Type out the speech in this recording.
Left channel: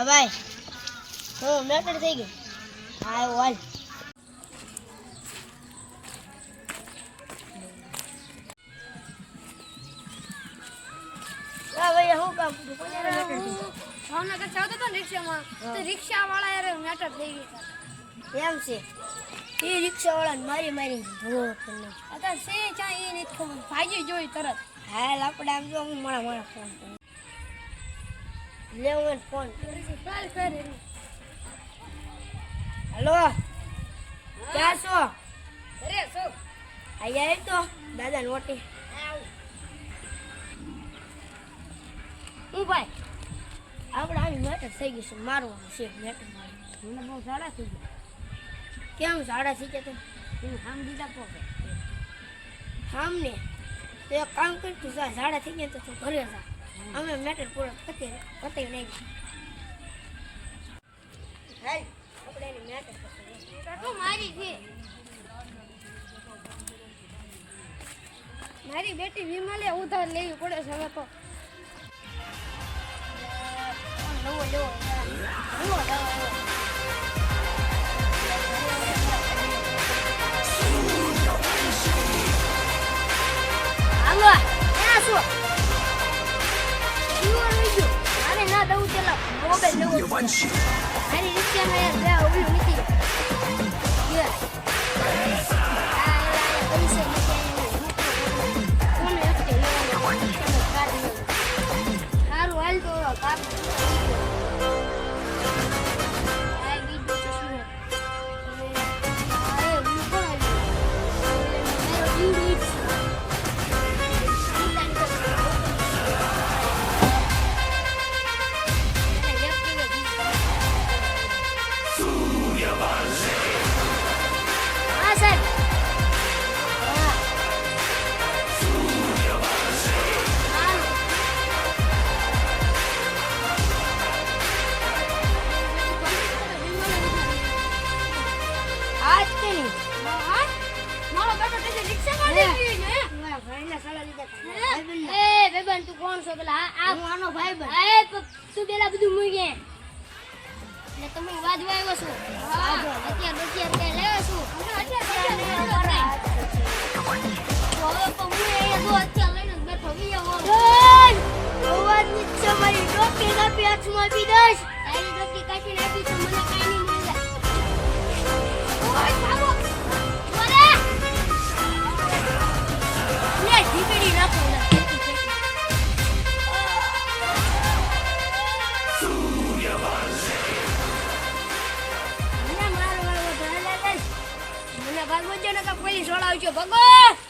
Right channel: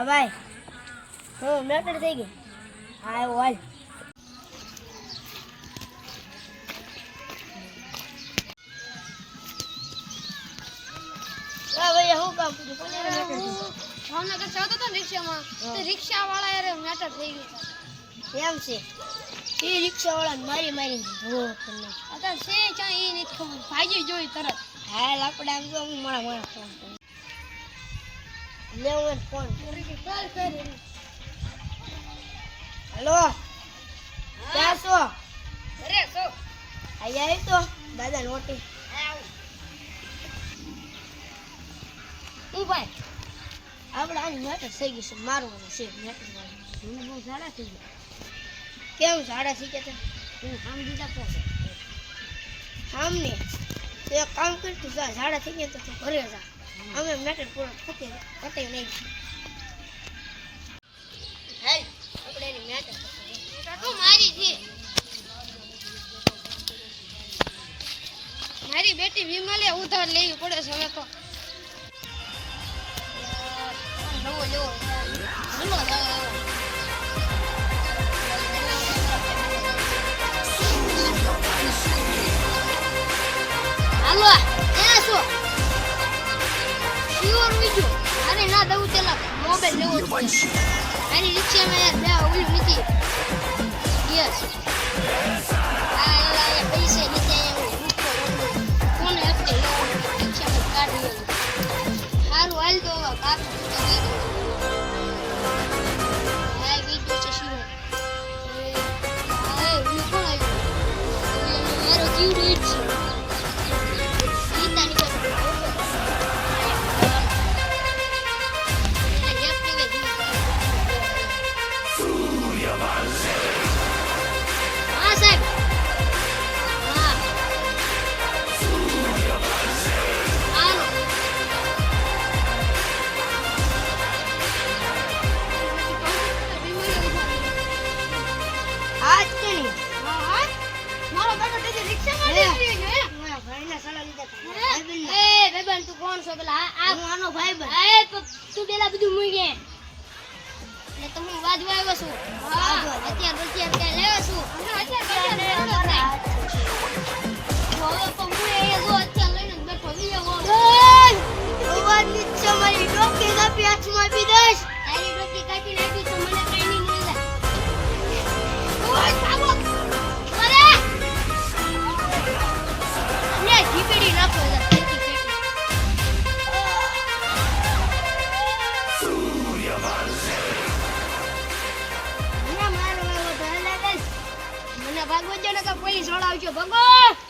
હા ભાઈ હું મેટર થઈ ગઈ હા હાલ ભાઈ હું કામ પૂછું કોને મેટર થઈ ભાવનગર ચાલતો હતો રિક્ષામાં તો રિક્ષાવાળા યાર મેટર થઈ ગઈ એમ છે એ રિક્ષાવાળાને મારીને ધોવો કરી અત્યારે સે ક્યાં એ નથી ખબર ભાગી જોઈ તરત હાલ આપણે આમ જો હું મારા ફોન કરું લેવો ફોન કાલ કર હેલો ક્યાં છો અરે સો અહીંયા આવ્યો તો દાદા નોટી હું ભાઈ આપણે આની મેટર થઈ ગઈ છે મારવાનું છે મેટર મને બહુ સારા થઈ ગયા કેમ સારા થઈ ગયા તું આમ દીધા પહોંચે આમ ને તો એક કામ કરતું જા ઝાડા થઈ ગયા તો તું ઘરે જા અમે મેટર પૂરો પતે નહીં હેલ આપણે એની મેટર કાકો મારી છે મારી બેટી વિમલે ઉધાર લેવી પડે છે હવે તો નવો લેવો હાલો ક્યાં છો શ્યોર વિજો મારે ના દઉં તેલા મોબાઈલ લેવો છે મારી રિક્ષામાં યાર બે ઓલું નથી ગેસ આ એલા પૈસા નથી આયા હું રૂપો રોકડું કોને હપ્તે લેવાનો રિક્ષામાં કાઢી લેવું સારું હાલ તો કાપી તો વિજો આ વિજો છે શ્યોર હવે આ એ ઓલું કોણ આવ્યું મારો જીવડું ઈટ છે તું કોણ છો પેલા આ હું આનો ભાઈ બન તું પેલા બધું મૂકે એટલે તો હું વાજવા આવ્યો છું અત્યારે કઈ લેવા છું હવે તો હું અહીંયા જો અત્યારે લઈને બેઠો વિયો અવાજ નીચે મારી ડોકી કાપી હાથમાં આપી દઈશ તારી ડોકી કાપી નાખી તો મને કઈ નહીં મળી જાય ઓય બાબો વરે લે જીપડી નાખો મને ભાગવો જ ન તો પોલીસ વાળા આવજો ભગવાન